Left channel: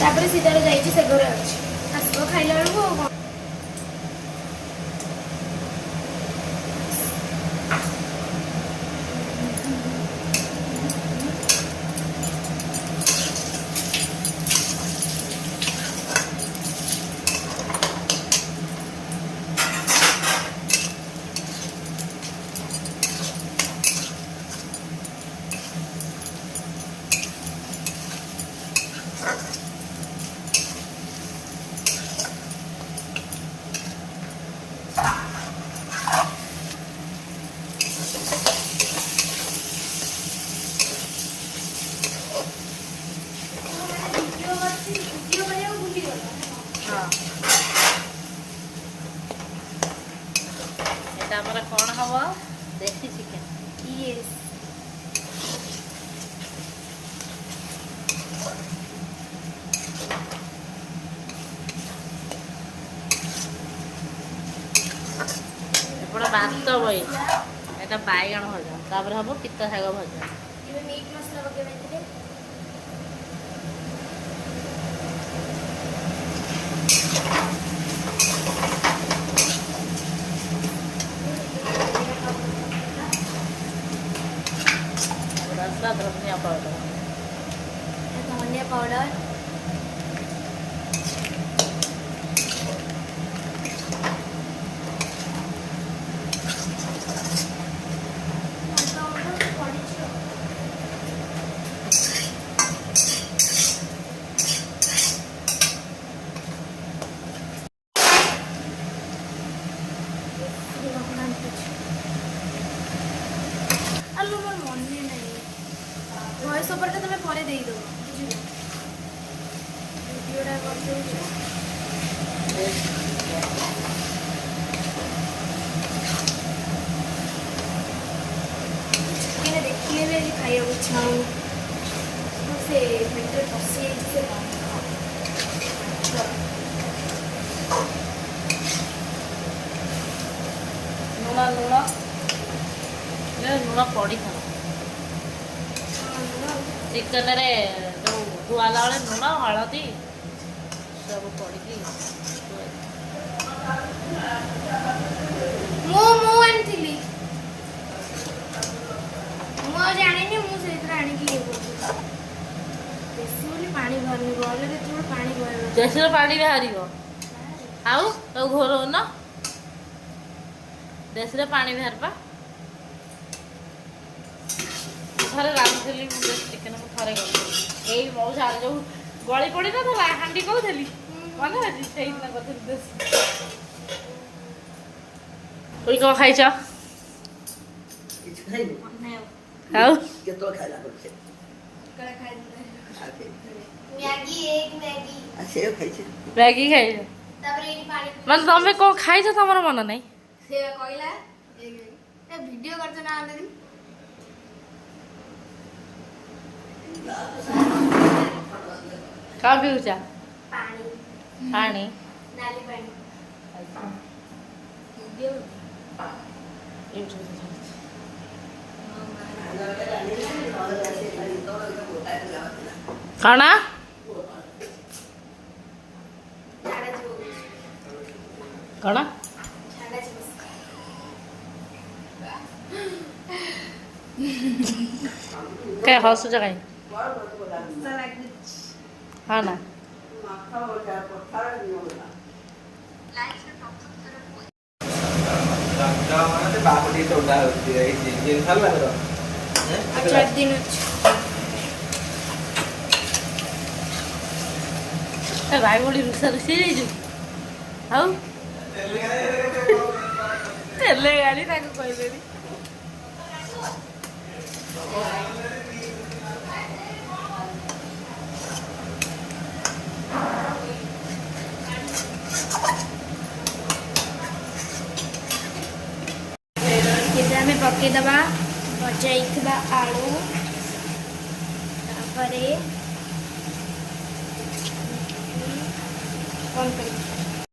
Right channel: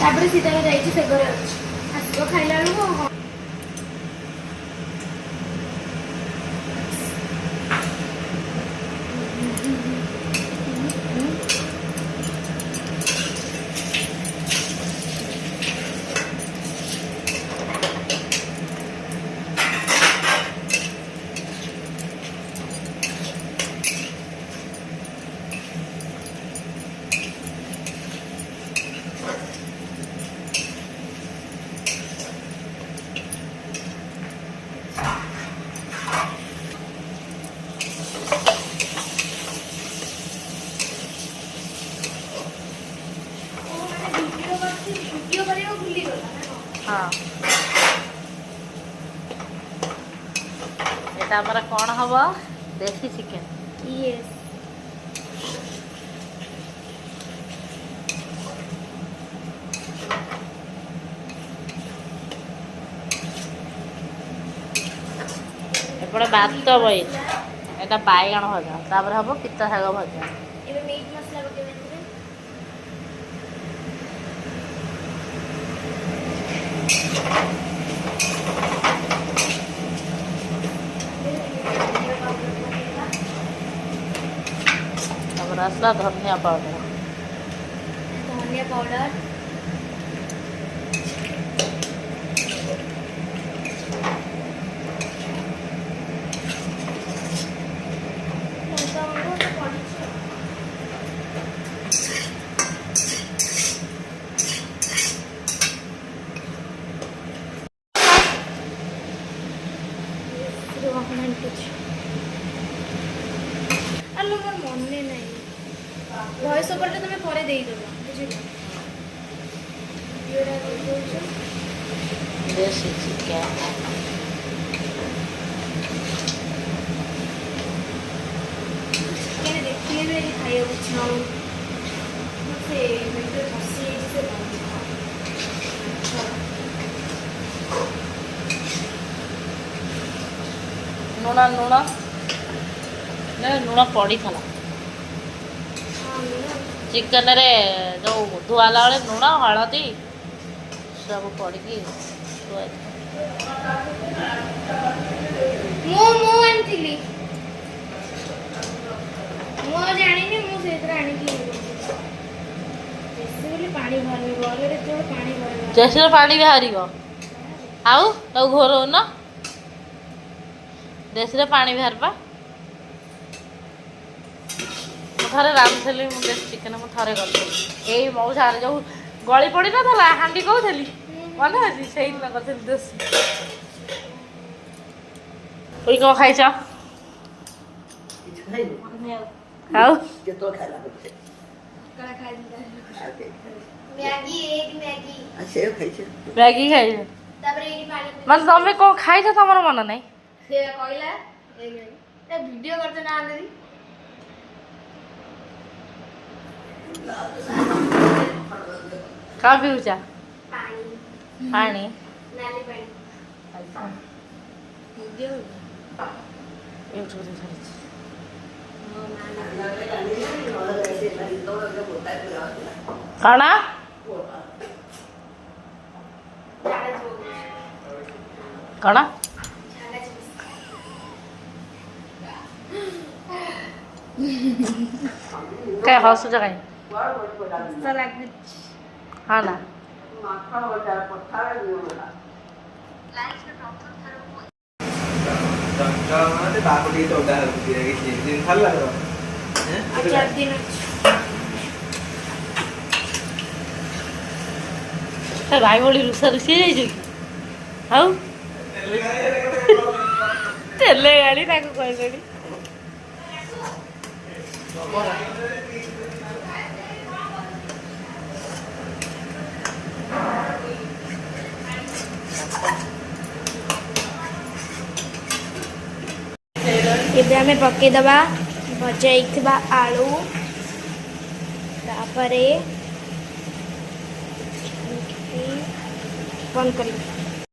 तापर सीतार जाइए से घरे अच्छे आसो खाइला बेलू हाँ এটা আমরা কোন হব দেশি চিকেন यस এপড়ে ভাত বই এটা বাইগণ ভজা তারপরে হব পিতা শাগ ভজা इबे मीट मसाला पकेबे थिले তারপরে আসলা ধনিয়া পাউডার धनिया पाउडर आलू मोर मन नहीं वॉइस ओवर टा तुम्हें परे देई दो बुझिलो वीडियोटा कर दो देसी चिकेन ये देखिए मेरी खाया उछाऊ से मिनट पसी से लुण लुण लुण पड़ी था चिकेन रे जो धुआला बेले लुण हलदी सब पड़ी मु मु एनथिली मु आ जानी ने मु सेतरा आनी की बेसी बोली पानी भरनी बोले रे तो पानी भरना जैसे पानी बाहरिबो आउ तो घोर न देश रे पानी बाहरबा थरे रांधली मु देश चिकेन मु थरे करथली एई मौसार जो गली पड़ी न थला हांडी कहथली मन अछि सेही न करथली देश ओई को खाइछ किछ खाइबो आउ केतो खाइला करछे कड़ा खाई आके मैगी एक मैगी आ सेव खाइछे मैगी खाइछ तापर एनी पानी मन तमे को खाइछ तमर मन नै से कहला ए वीडियो करते ना आंदरी का पिउचा पानी पानी नाली पानी अच्छा वीडियो यूट्यूब रे छाड़ी खाना झाड़ा जो खाना झाड़ा जो काय हसु जगाई सलाड हाँ ना अच्छा दिन भाई भोड़ी रुषा रुषी जाइछु आउ तेले गाड़ी ताको कहलेनी आम पकईदबा भजा आलू तापरे बंद कर